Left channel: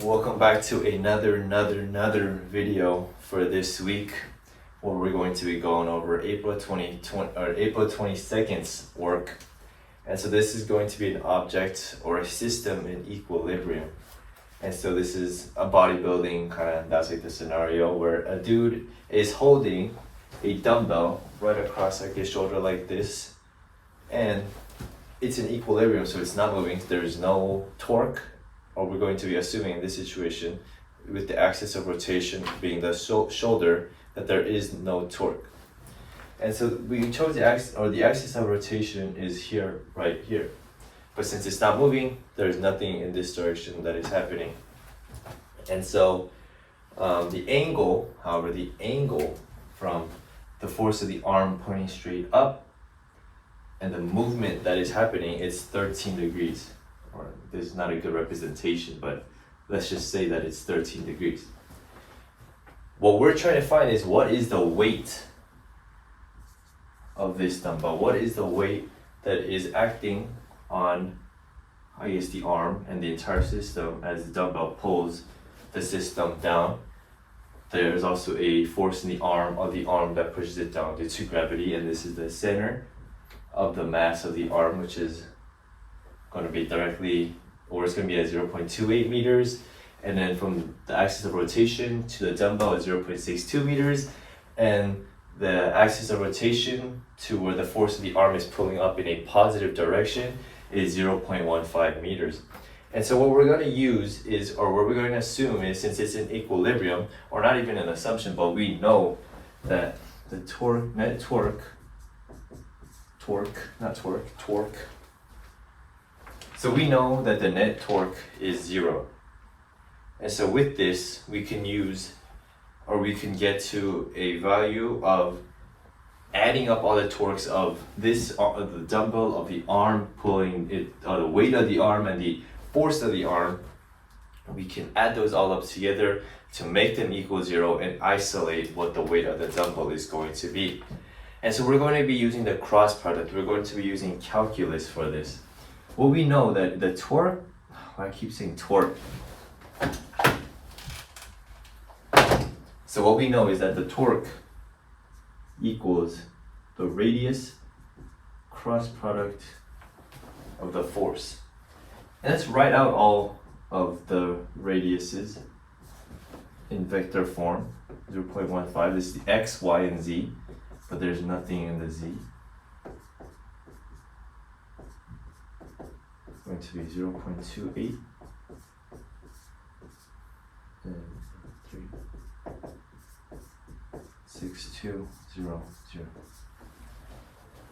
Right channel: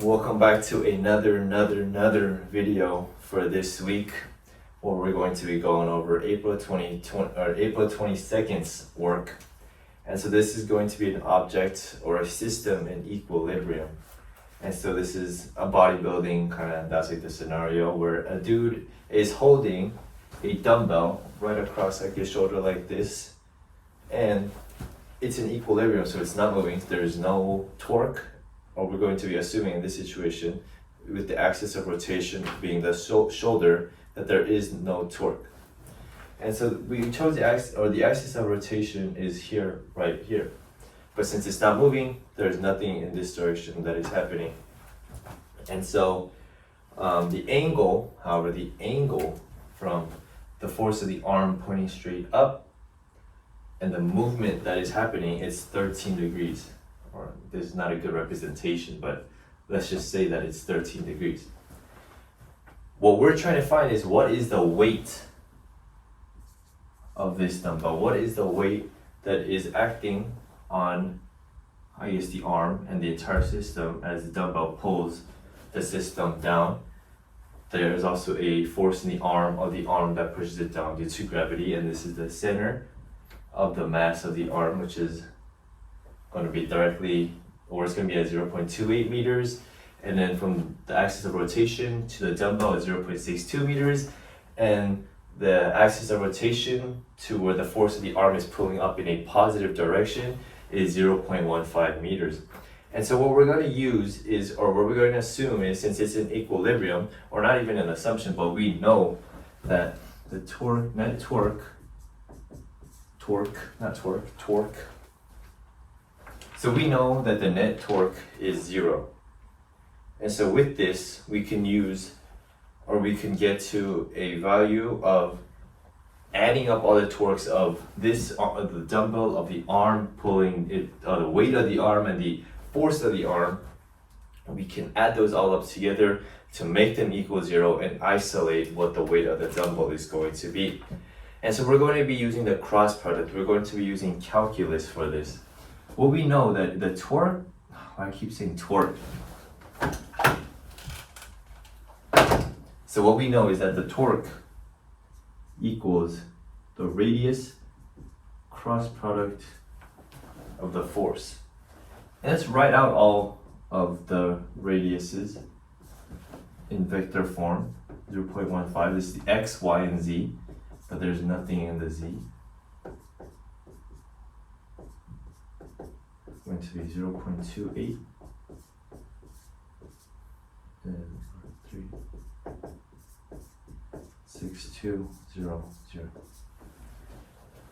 Welcome back to another video for this week, where we're going to be going over April 22nd's work. And so this is going to be an object or a system in equilibrium. And so this is a bodybuilding that's like the scenario where a dude is holding a dumbbell right across like his shoulder like this, and it's in equilibrium, so it's not moving. There is no torque, or we're going to be assuming in this situation, with the axis of rotation being the shoulder, that there is no torque. And so we chose the axis of rotation is here, right here. But since it's not moving, there's nothing in this direction that is happening. And so the angle from the force of the arm pointing straight up and the movement that is happening is 13 degrees. Or this is not a good representation, but let's just say that it's 13 degrees. What we're trying to find is what is the weight of this dumbbell? What is the weight that is acting on, I guess, the arm and the entire system as the dumbbell pulls the system down? There is also a force in the arm that pushes it down due to gravity, and this is the center of the mass of the arm, which is going to be directly, or it's going to be at 0.28 meters, and then from the axis of rotation to the dumbbell is 0.62 meters, and the axis of rotation to where the force of the arm is pulling up in a positive direction is 0.15 meters. And so what we're going to use is, or what we're going to assume is, since it's in equilibrium, or not even an assumption, but we know that the torque. So we know that the net torque is 0. And so with this, we can use, or we can get to a value of adding up all the torques of this, the dumbbell, of the arm pulling it, the weight of the arm and the force of the arm. We can add those all up together to make them equal 0 and isolate what the weight of the dumbbell is going to be. And so we're going to be using the cross product. We're going to be using calculus for this. Well, we know that the torque, I keep saying torque. So what we know is that the torque equals the radius cross product of the force. And let's write out all of the radiuses in vector form. 0.15, this is the x, y, and z, but there's nothing in the z. Going to be 0.28 and 3.6200.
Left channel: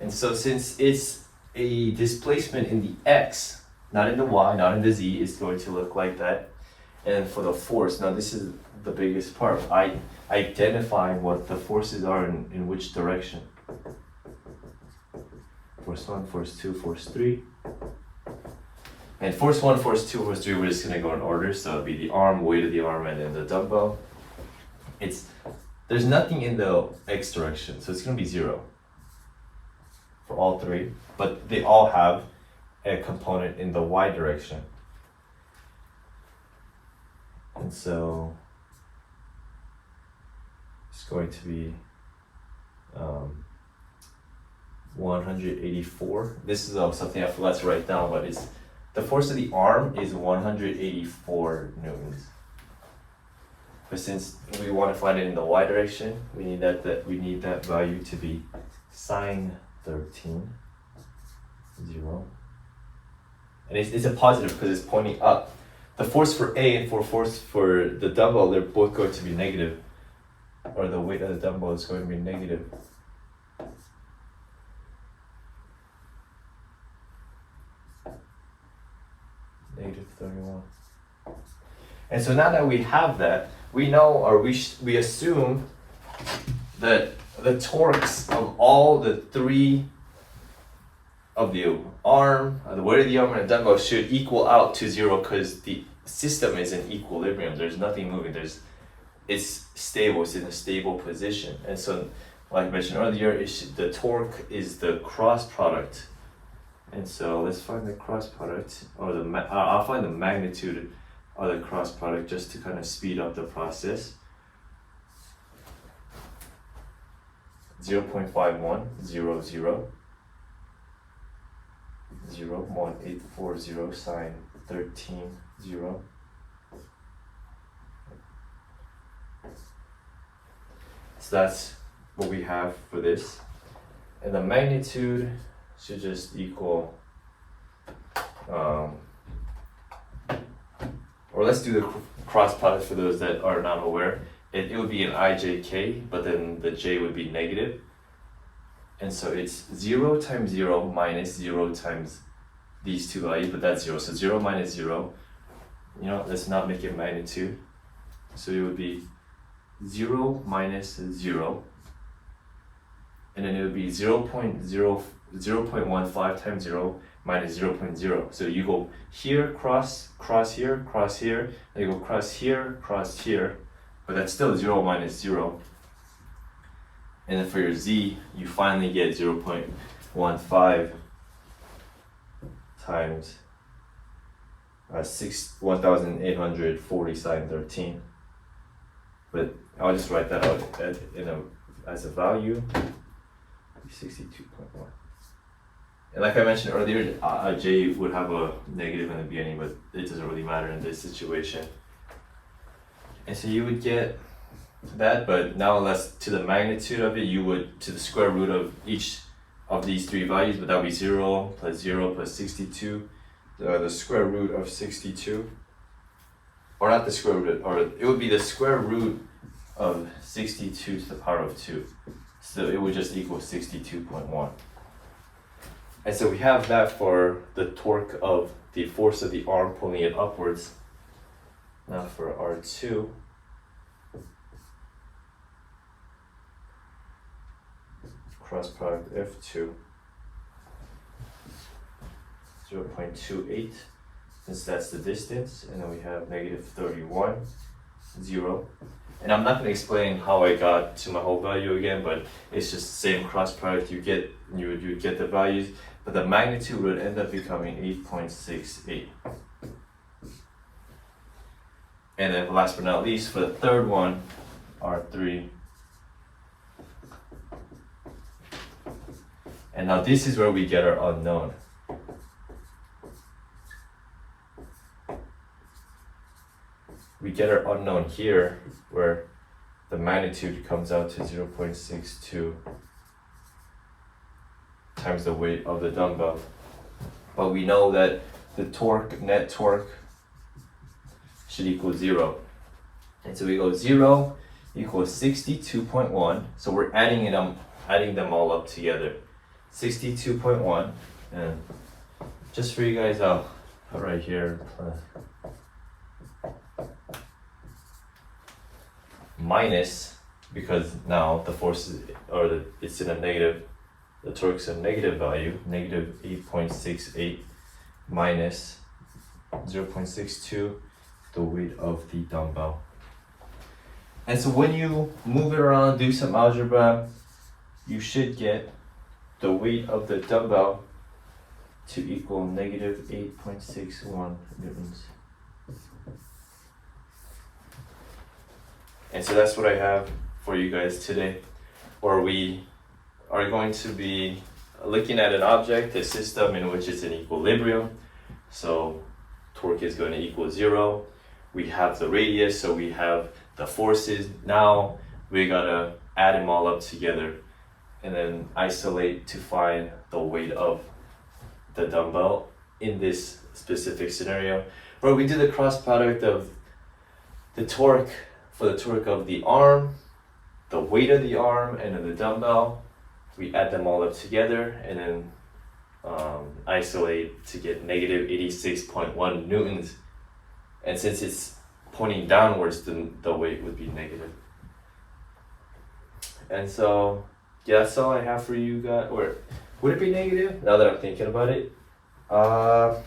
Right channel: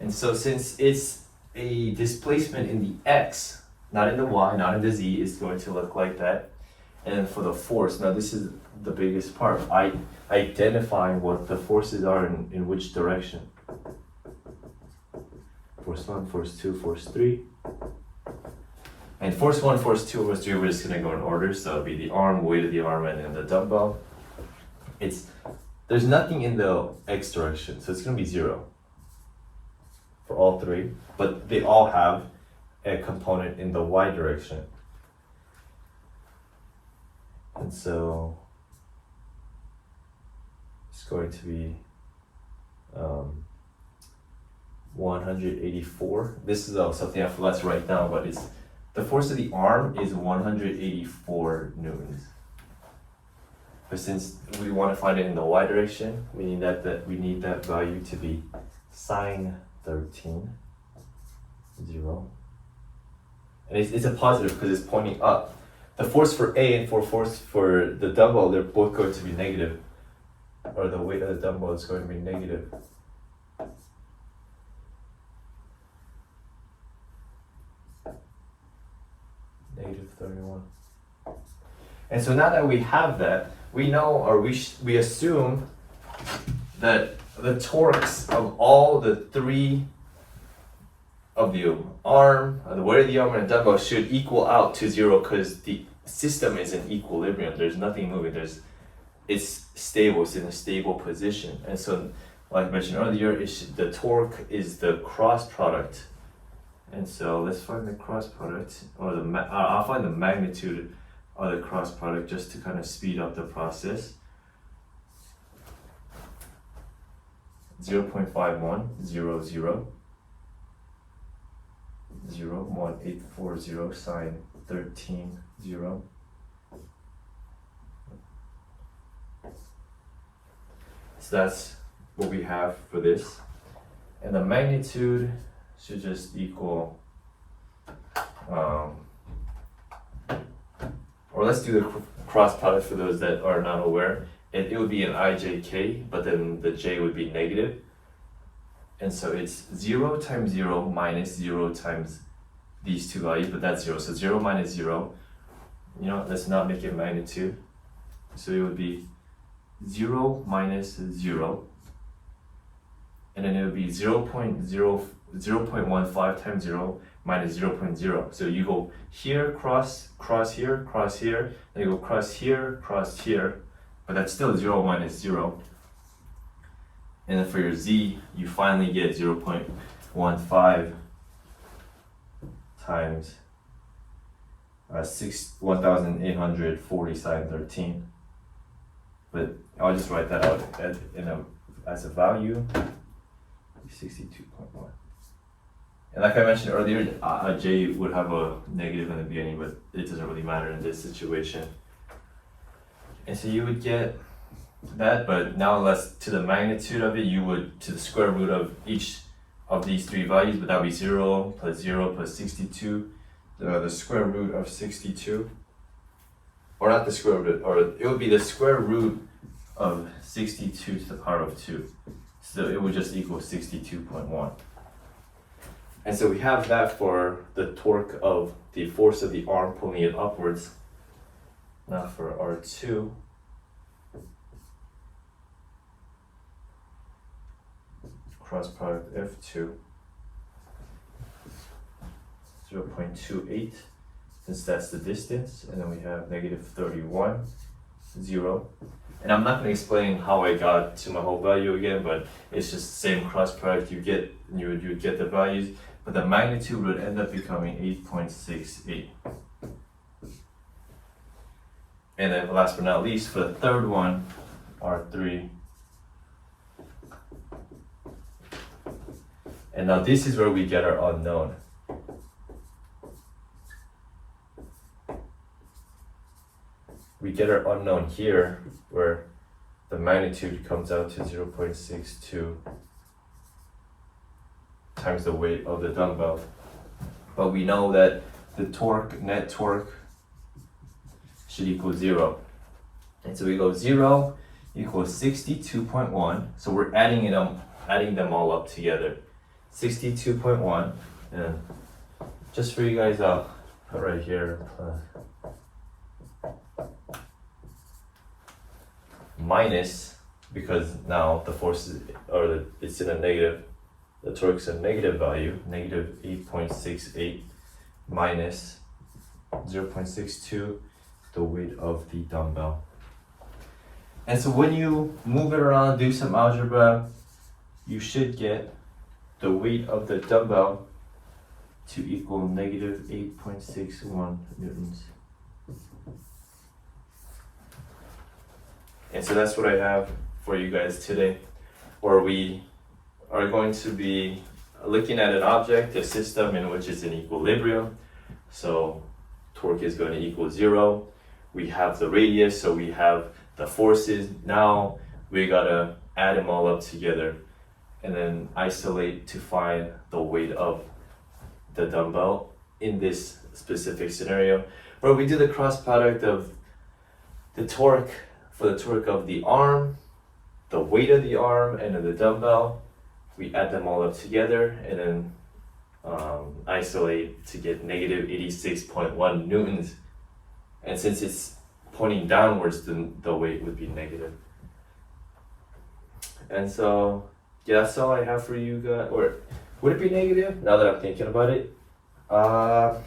And so since it's a displacement in the x, not in the y, not in the z, it's going to look like that. And for the force, now this is the biggest part, identifying what the forces are in which direction. Force 1, force 2, force 3. And force 1, force 2, force 3, we're just going to go in order. So it'll be the arm, weight of the arm, and then the dumbbell. There's nothing in the x direction, so it's going to be 0 for all three. But they all have a component in the y direction. And so it's going to be 184. This is something I forgot to write down, but it's the force of the arm is 184 newtons. But since we want to find it in the y direction, we need that value to be sine 13, 0. And it's a positive because it's pointing up. The force for A and force for the dumbbell, they're both going to be negative. Or the weight of the dumbbell is going to be negative. Negative 31. And so now that we have that, we know, or we assume that the torques of all the three of the arm, the weight of the arm and the dumbbell should equal out to 0 because the system is in equilibrium. There's nothing moving. It's stable. It's in a stable position. And so, like I mentioned earlier, the torque is the cross product. And so let's find the cross product, or I'll find the magnitude other cross product just to kind of speed up the process. 0.5100 0.1840 sine 13 0. So that's what we have for this, and the magnitude should just equal or let's do the cross product for those that are not aware. It would be an ijk, but then the j would be negative, and so it's 0 times 0 minus 0 times these two values, but that's 0, so 0 minus 0, you know, let's not make it magnitude, so it would be 0 minus 0, and then it would be 0.15 times 0 minus 0.0. So you go here, cross here, cross here, and you go cross here, but that's still 0 minus 0. And then for your z, you finally get 0.15 times 1840 sine 13. But I'll just write that out as a value, 62.1. And like I mentioned earlier, j would have a negative in the beginning, but it doesn't really matter in this situation. And so you would get that, but now let's to the magnitude of it, you would to the square root of each of these three values, but that would be 0 plus 0 plus 62, the square root of 62. Or not the square root, or it would be the square root of 62 to the power of 2. So it would just equal 62.1. And so we have that for the torque of the force of the arm pulling it upwards. Now for R2, cross product F2, 0.28, since that's the distance, and then we have negative 31, 0. And I'm not going to explain how I got to my whole value again, but it's just the same cross product. You would get the values, but the magnitude would end up becoming 8.68. And then last but not least, for the third one, R3. And now this is where we get our unknown. We get our unknown here, where the magnitude comes out to 0.62 times the weight of the dumbbell. But we know that the torque, net torque, should equal 0. And so we go 0 equals 62.1. So we're adding them all up together. 62.1, and just for you guys, I'll right here minus, because now the force is, it's in a negative, the torque's a negative value, negative 8.68 minus 0.62, the weight of the dumbbell. And so when you move it around, do some algebra, you should get the weight of the dumbbell to equal negative 8.61 newtons. And so that's what I have for you guys today, where we are going to be looking at an object, a system in which it's in equilibrium. So torque is going to equal 0. We have the radius, so we have the forces. Now we gotta add them all up together and then isolate to find the weight of the dumbbell in this specific scenario, where we do the cross product of the torque for the torque of the arm, the weight of the arm, and of the dumbbell. We add them all up together and then isolate to get negative 86.1 newtons. And since it's pointing downwards, then the weight would be negative. And so, yeah, that's all I have for you guys. Or would it be negative? Now that I'm thinking about it, but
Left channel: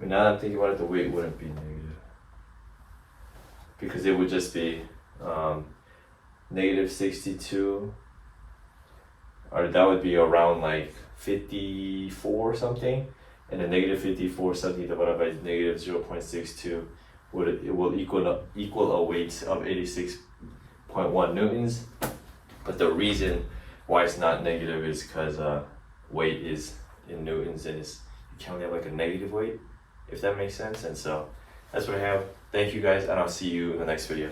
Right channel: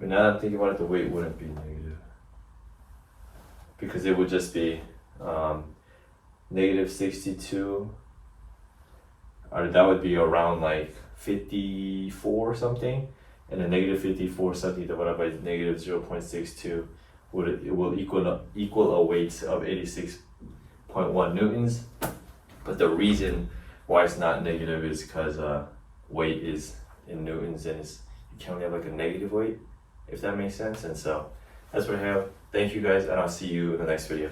now that I'm thinking about it, the weight wouldn't be negative, because it would just be negative 62, or that would be around like 54 or something, and a negative 54 something divided by negative 0.62 will equal a weight of 86.1 newtons. But the reason why it's not negative is because weight is in newtons, and you can only have like a negative weight, if that makes sense. And so that's what I have. Thank you guys, and I'll see you in the next video.